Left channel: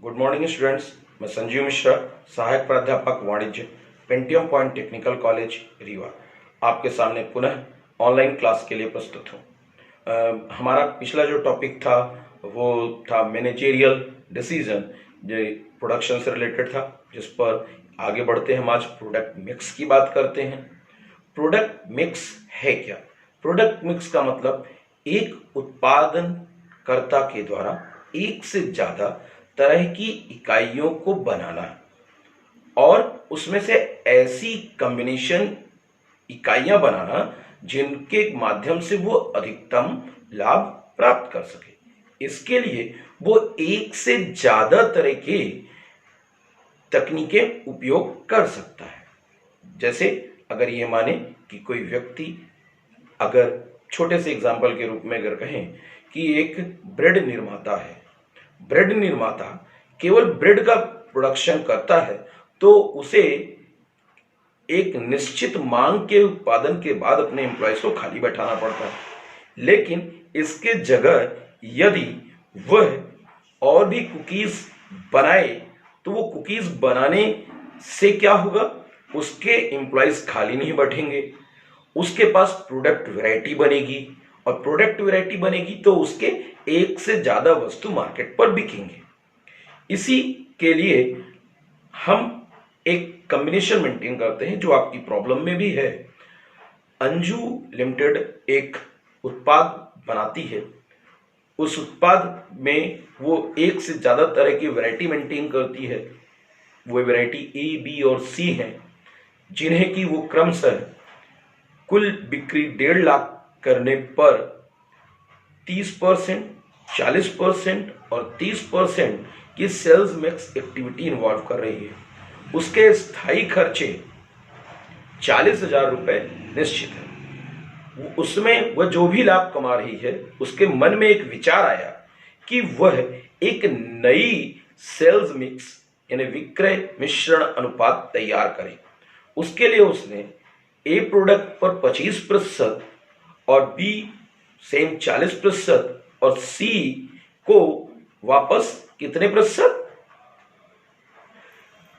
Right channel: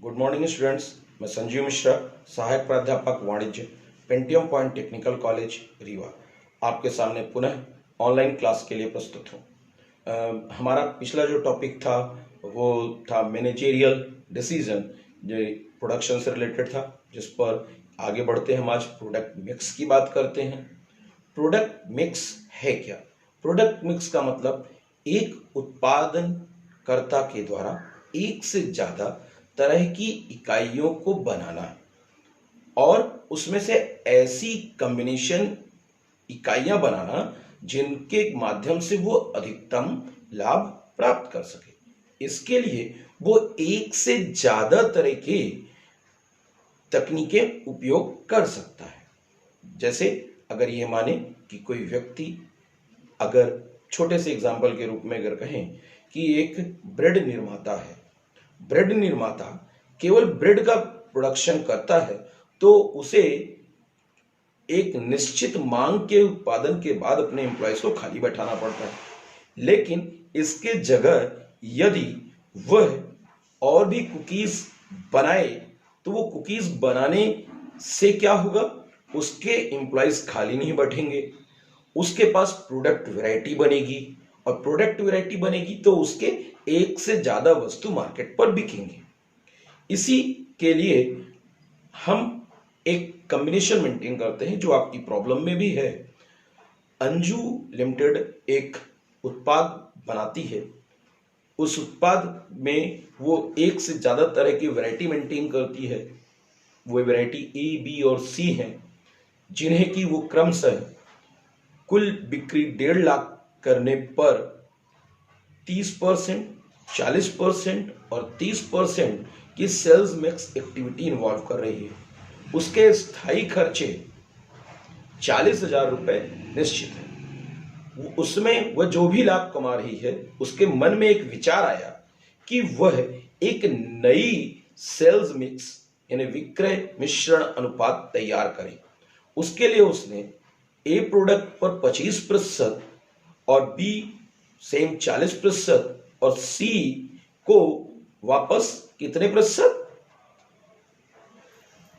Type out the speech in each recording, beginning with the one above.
Good morning students. मैं संजीव मिश्रा, सहायक प्राध्यापक वाणिज्य, Pentium point technical college Rewa, आपके सामने पुनः ऑनलाइन क्लास के लिए प्रस्तुत हूँ। हमारा पिछला जो टॉपिक था वो था मैनेजेरियल डिसीजन, जो प्रोडक्शन से रिलेटेड था, जिस पर आगे बढ़ते हैं हम आज प्रोडक्ट मिक्स की बात करते हैं। प्रोडक्ट मिक्स है क्या? प्रोडक्ट मिक्स का मतलब एक उत्पादनकर्ता के द्वारा एक से ज्यादा तरह की इकाइयों को बनाना और उसमें से ऐसी कॉम्बिनेशन इकाइयां बनाना जिनके माध्यम से वो अधिकतम लाभ प्राप्त कर सके। इसके लिए वो एक से ज्यादा तरह के तकनीकें उपयोग कर सकता है। जैसे अगर ये माने कि कोई व्यक्ति, अगर छोटे से एग्जाम्पल के रूप में अगर कहें कि एक ब्रेड निर्माता है, ब्रेड निर्माता केवल ब्रेड का प्रोडक्शन करता है, तो उसे एक निश्चित मांग के उत्पादन के बाद अपने एम्प्लॉयज को खाली बैठाना पड़ता है। लेकिन इसके जगह यदि वह और भी कुकीज बनाए तो वो कुकीज बनाने से क्या होगा, उसके एम्प्लॉयज खाली नहीं बैठेंगे, उसके पास प्रोडक्ट वैरायटी बनेगी और प्रोडक्ट वैरायटी बनेगी तो उसके एक से ज्यादा वस्तु मार्केट पर बिकेंगे। इसी के लिए हम एक कॉम्बिनेशन मेंटेन करते हैं जो आपकी प्रॉब्लम में भी है। अंजू लिमिटेड एक उत्पाद बनाती है, उस उत्पाद में वो एक से ज्यादा तरह की वैरायटी मेंटेन करती है। वो वैरायटी ए, बी और सी हैं, जिन्हें कि वो क्रमशः कुल बिक्री 1.5 लाख करने पर 30%, 40% और 30% की सेल्स मिक्स एक्टिविटी इन्वॉल्व कर रही है। उसके स्थायी खर्चे 40,000 रुपए निश्चित है। उसमें वह जो भी लाभ कमा रही है, उसके मन में एक विचार आया कि वह एक नई सेल्स मिक्स यानी विक्रय मिश्रण अनुपात तैयार करे। उसके लिए उसने ए प्रोडक्ट पर 25% और बी सेम 40% और सी को वापस कितने प्रतिशत,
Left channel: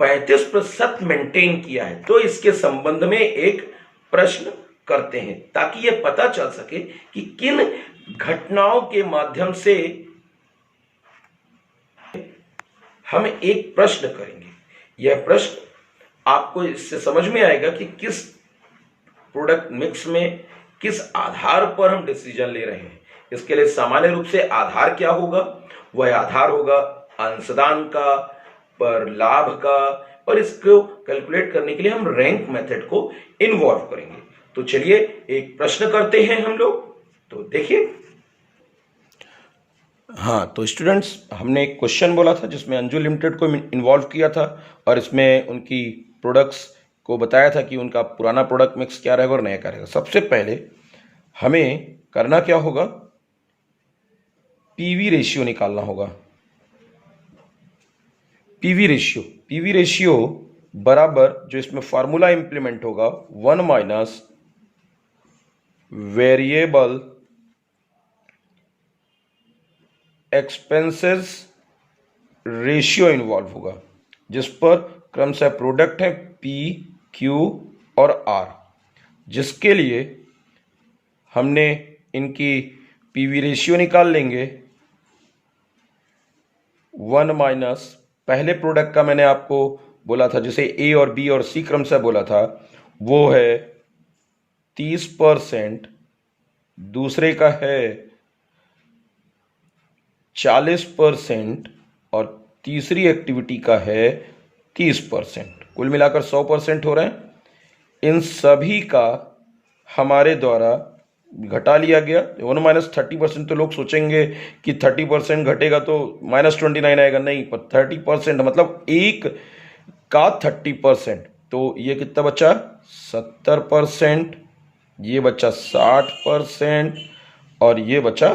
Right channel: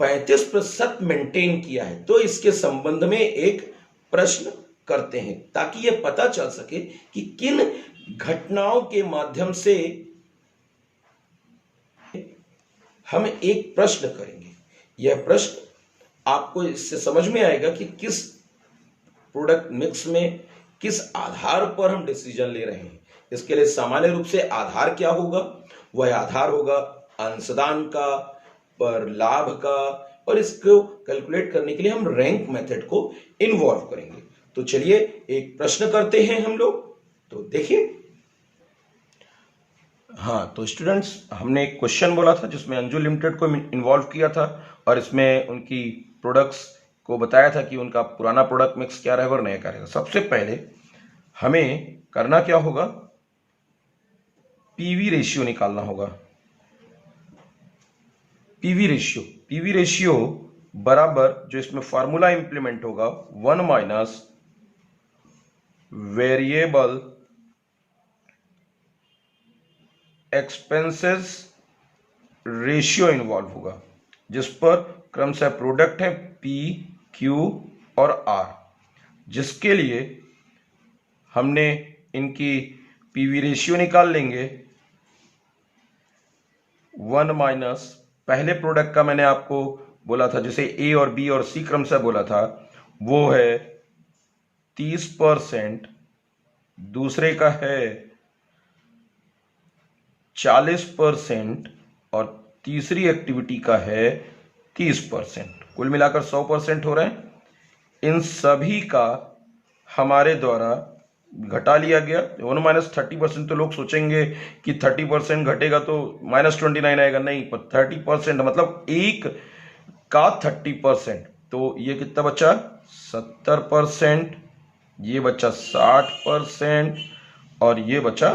35% मेंटेन किया है। तो इसके संबंध में एक प्रश्न करते हैं ताकि यह पता चल सके कि किन घटनाओं के माध्यम से हम एक प्रश्न करेंगे। यह प्रश्न आपको इससे समझ में आएगा कि किस प्रोडक्ट मिक्स में किस आधार पर हम डिसीजन ले रहे हैं। इसके लिए सामान्य रूप से आधार क्या होगा? वह आधार होगा अंशदान का, पर लाभ का, और इसको कैलकुलेट करने के लिए हम रैंक मेथड को इन्वॉल्व करेंगे। तो चलिए एक प्रश्न करते हैं हम लोग। तो देखिए, हाँ, तो स्टूडेंट्स, हमने एक क्वेश्चन बोला था जिसमें अंजू लिमिटेड को इन्वॉल्व किया था और इसमें उनकी प्रोडक्ट्स को बताया था कि उनका पुराना प्रोडक्ट मिक्स क्या रहेगा और नया क्या रहेगा। सबसे पहले हमें करना क्या होगा, पीवी रेशियो निकालना होगा। पीवी रेशियो बराबर, जो इसमें फॉर्मूला इंप्लीमेंट होगा, 1 minus variable expenses ratio involve होगा, जिस पर क्रमशः प्रोडक्ट है पी, क्यू और आर, जिसके लिए हमने इनकी पीवी रेशियो निकाल लेंगे। 1 माइनस पहले प्रोडक्ट का मैंने आपको बोला था, जैसे ए और बी और सी क्रमशः बोला था, वो है 30%, दूसरे का है 40% और तीसरी एक्टिविटी का है 30%। कुल मिलाकर 100% हो रहे हैं। इन सभी का हमारे द्वारा घटा लिया गया। 1 माइनस 30%, तो लोग सोचेंगे कि 30% घटेगा तो -29 आएगा। नहीं, पर 30% मतलब एक का 30%, तो ये कितना बचा, 70%, ये बचा 60% और ये बचा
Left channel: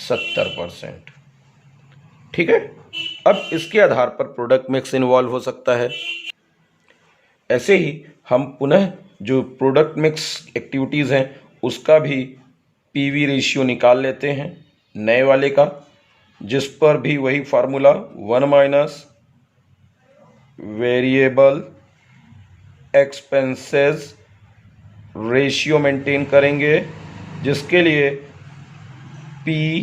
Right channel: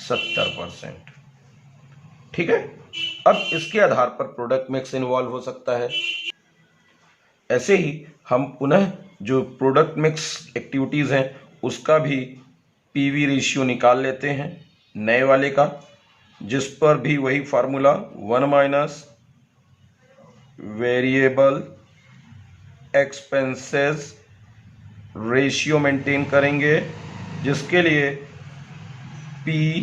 70%। ठीक है, अब इसके आधार पर प्रोडक्ट मिक्स इन्वॉल्व हो सकता है। ऐसे ही हम पुनः जो प्रोडक्ट मिक्स एक्टिविटीज हैं उसका भी पीवी रेशियो निकाल लेते हैं नए वाले का। जिस पर भी वही formula 1 minus variable expenses ratio maintain करेंगे, जिसके लिए पी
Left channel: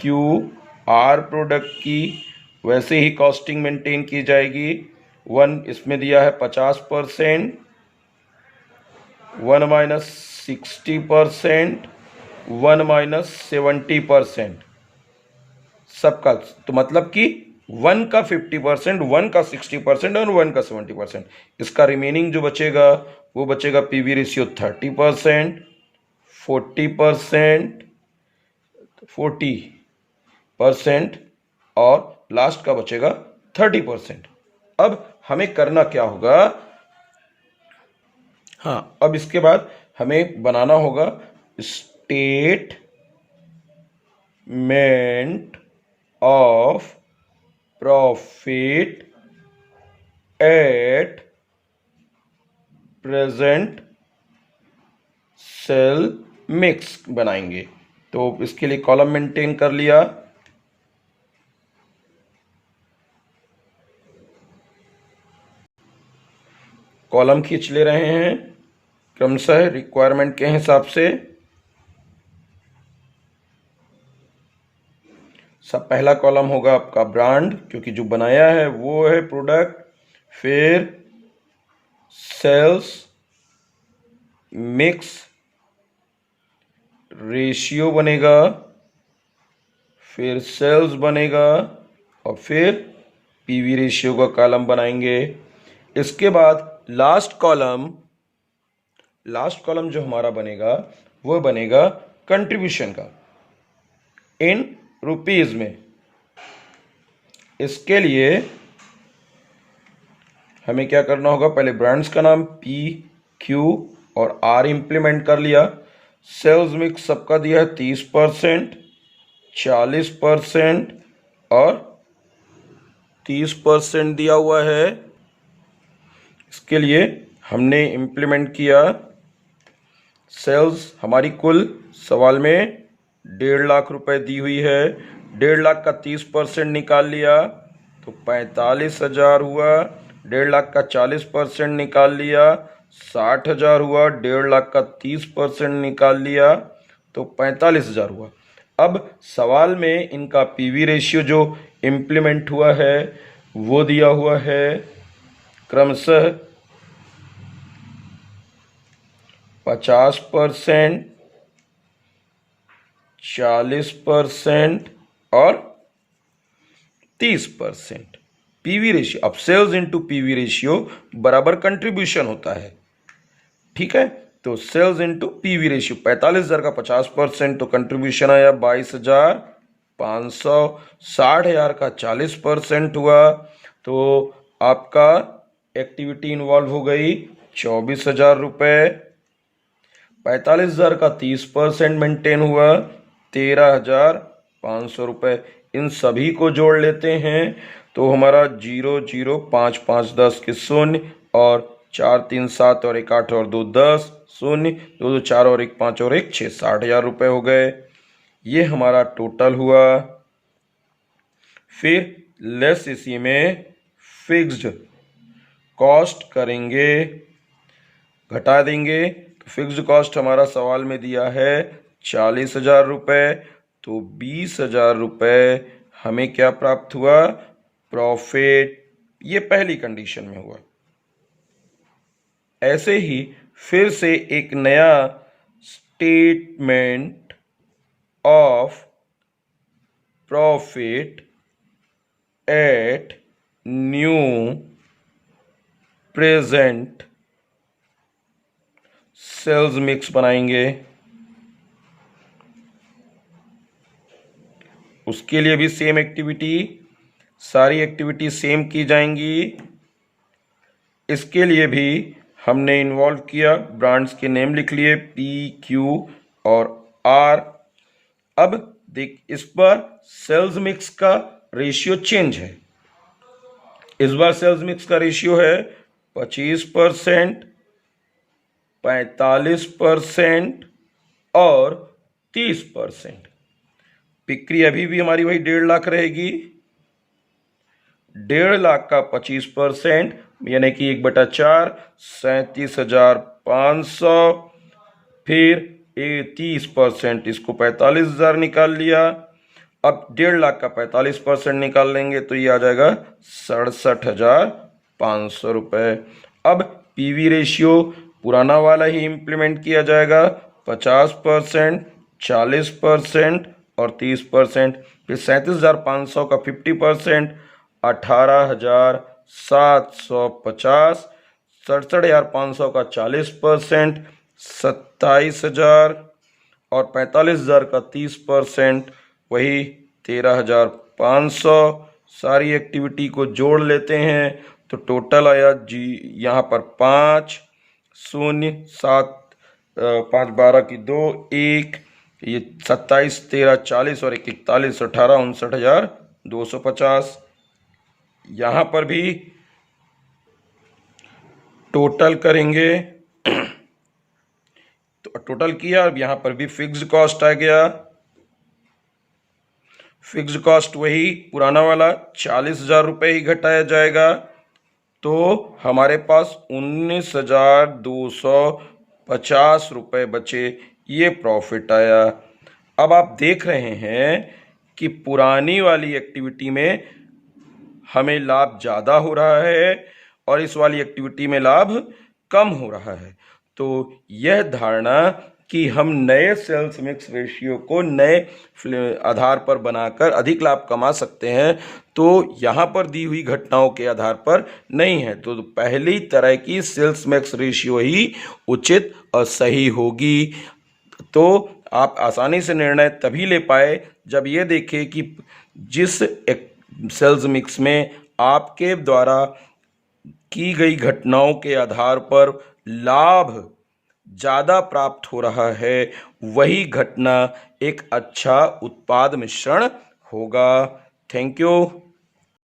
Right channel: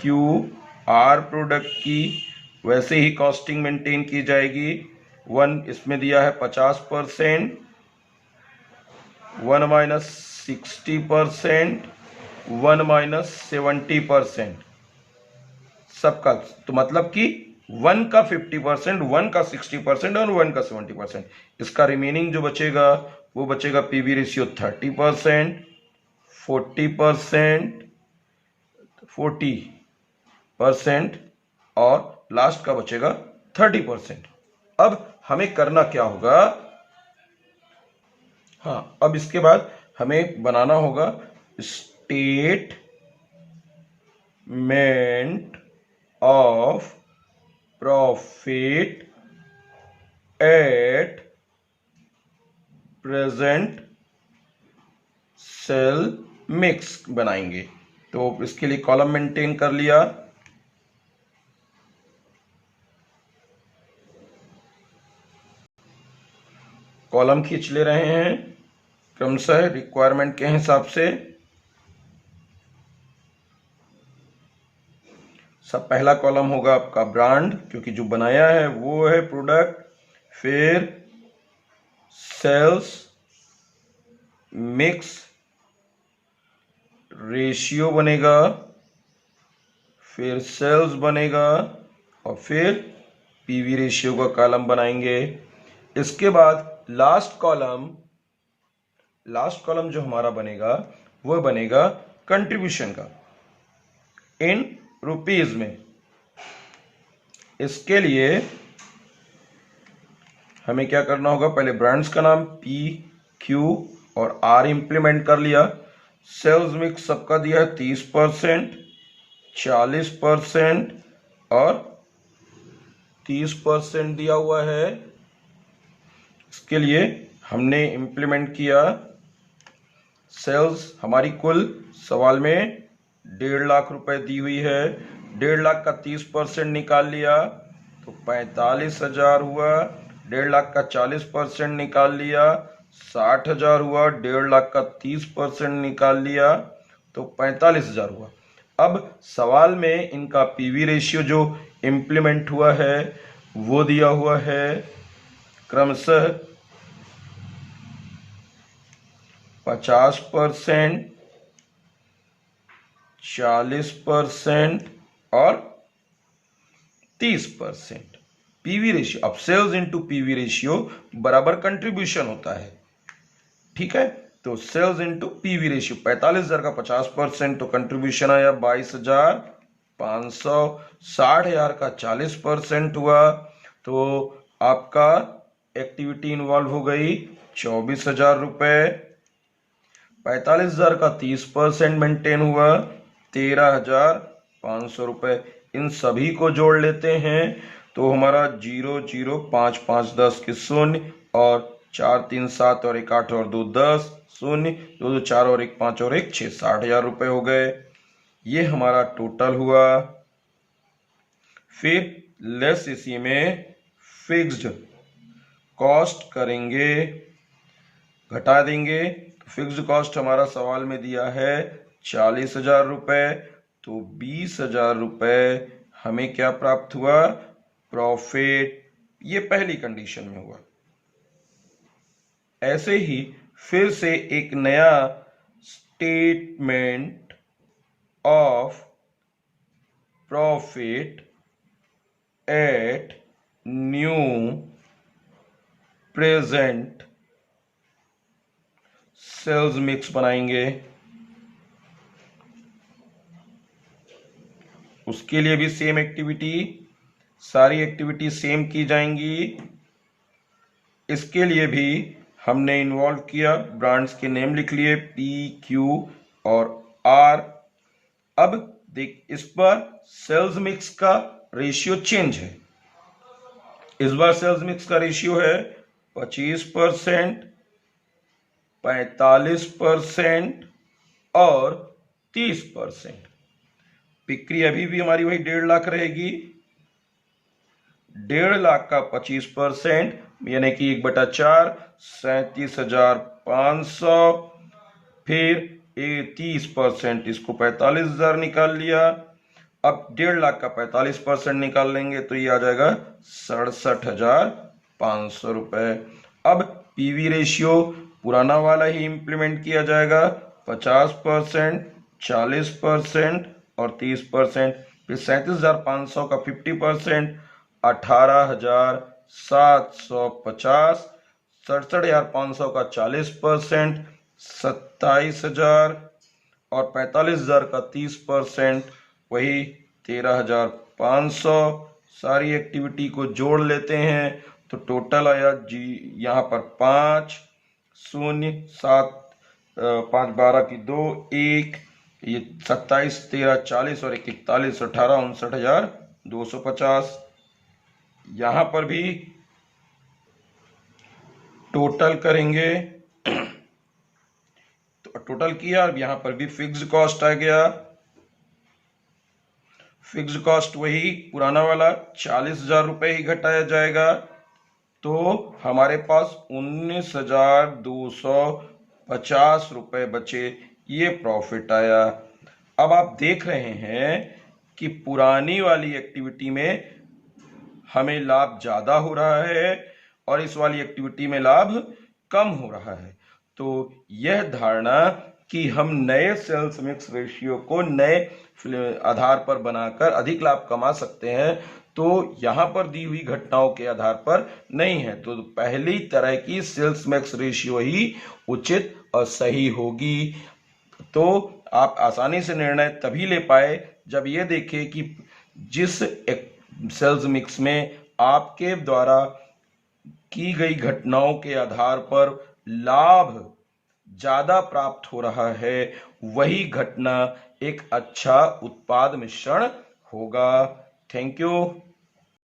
क्यू आर प्रोडक्ट की वैसे ही कॉस्टिंग मेंटेन की जाएगी। 1 इसमें दिया है 50%, 1 माइनस 60%, 1 माइनस 70%, सबका। तो मतलब कि 1 का 50%, 1 का 60% और 1 का 70%। इसका रिमेनिंग जो बचेगा वो बचेगा पीवी रेशियो 30%, 40%, 40% और लास्ट का बचेगा 30%। अब हमें करना क्या होगा? हाँ, अब इसके बाद हमें बनाना होगा statement of profit at present sale mix बनाएंगे। तो इसके लिए कॉलम मेंटेन कर लिया। कॉलम खींच ले रहे हैं क्रमशः रिक्वायरमेंट के हिसाब से। सब पहला कॉलम होगा आपका ब्रांड, क्योंकि जो बनाया है वो है प्रोडक्ट। फिर सेल्स मिक्स रेशियो बनेगा, फिर सेल्स बनेगा और फिर पीवी रेशियो का कॉलम बनाएंगे। इसके बाद लास्ट कॉलम जो हमारा बनेगा वो बनेगा कंट्रीब्यूशन का इन रुपीज में। इसके लिए हमें क्या करना होगा? पहले ब्रांड्स का नाम पी क्यू और आर इंप्लीमेंट कर लिया। सेल्स मिक्स सबका दिया है 30%, 40% और 30% दिया हुआ है। इसके लिए हमने इंप्लीमेंट किया। सेल्स हमारी कुल सवाल में 1.5 लाख रुपए दी हुई है। 1.5 लाख का 30% निकाल लिया तो 45,000 हुआ। 1.5 लाख का 40% निकाल लिया 60,000 हुआ। 1.5 लाख का 30% निकाल लिया तो 45,000 हुआ। अब सवाल में इनका पीवी रेशियो जो इम्प्लीमेंट हुआ है वो दिया हुआ है क्रमशः 50%, 40% और 30%। पीवी रेशियो, अब सेल्स इनटू पीवी रेशियो बराबर कंट्रीब्यूशन होता है, ठीक है। तो सेल्स इनटू पीवी रेशियो 45,000 का 50% तो कंट्रीब्यूशन आया 22,500। 60,000 का 40% हुआ तो आपका एक्टिविटी इन्वॉल्व हो गई 24,000 रुपए। 45,000 का 30% मेंटेन हुआ 13,500 रुपए। इन सभी को जोड़ लेते हैं तो हमारा 0 0 5 5 10 के 0 और 4 3 7 और 1 8 और 2 10 0 2 2 4 और 1 5 और 1 6 60,000 रुपए हो गए। ये हमारा टोटल हुआ। फिर लेस इसी में फिक्स्ड कॉस्ट करेंगे, घटा देंगे। तो फिक्स्ड कॉस्ट हमारा सवाल में दिया है 40,000 रुपए, तो 20,000 रुपए हमें क्या प्राप्त हुआ? प्रॉफिट। ये पहली कंडीशन में हुआ। ऐसे ही फिर से एक नया statement of profit at new present sales mix बनाएंगे। उसके लिए भी सेम एक्टिविटी, सारी एक्टिविटी सेम की जाएंगी। इसके लिए भी हमने इन्वॉल्व किया, ब्रांड्स के नेम लिख लिए पी क्यू और आर। अब देख, इस बार सेल्स मिक्स का रेशियो चेंज है। इस बार सेल्स मिक्स का रेशियो है 25%, 45% और 30%। बिक्री अभी भी हमारी वही 1.5 लाख रहेगी। 1.5 लाख का 25% यानी कि 1/4 37,500, फिर 30% इसको 45,000 निकाल लिया। अब 1.5 लाख का 45% निकाल लेंगे तो ये आ जाएगा 67,500 रुपये। अब पीवी रेशियो पुराना वाला ही इम्प्लीमेंट किया जाएगा, 50%, 40% और 30%। फिर 37,500 का 50%, 18,750। 67,500 का 40%, 27,000 और 45,000 का 30%, वही 13,500। सारी एक्टिविटी को जोड़ लेते हैं तो टोटल आया जी यहाँ पर 5 0 7 5 12 की 2 1, ये 27 13 40 और 1 41 18 59,250। यहाँ पर भी टोटल करेंगे तो टोटल किया। अब यहाँ पर भी फिक्स्ड कॉस्ट आ गया। फिक्स्ड कॉस्ट वही पुराना वाला 40,000 रुपये ही घटाया जाएगा, तो हमारे पास 19,250 रुपये बचे। ये प्रॉफिट आया। अब आप देख रहे हैं कि पुरानी वाली एक्टिविटी में हमें लाभ ज़्यादा हो रहा है और इस वाली एक्टिविटी में लाभ कम हो रहा है। तो यह धारणा कि हम नए सेल्स मिक्स रेशियो को नए आधार पर बनाकर अधिक लाभ कमा सकते हैं, तो यहाँ पर दी हुई घटनाओं के आधार पर नहीं है। तो पहली तरह की सेल्स मिक्स रेशियो ही उचित और सही होगी। तो आप आसानी से निर्णय तभी ले पाए जब ये देखें कि जिस सेल्स मिक्स में आपके द्वारा की गई घटनाओं के आधार पर लाभ ज़्यादा प्राप्त हो रहा है, वही घटना एक अच्छा उत्पाद मिश्रण होगा। Thank you.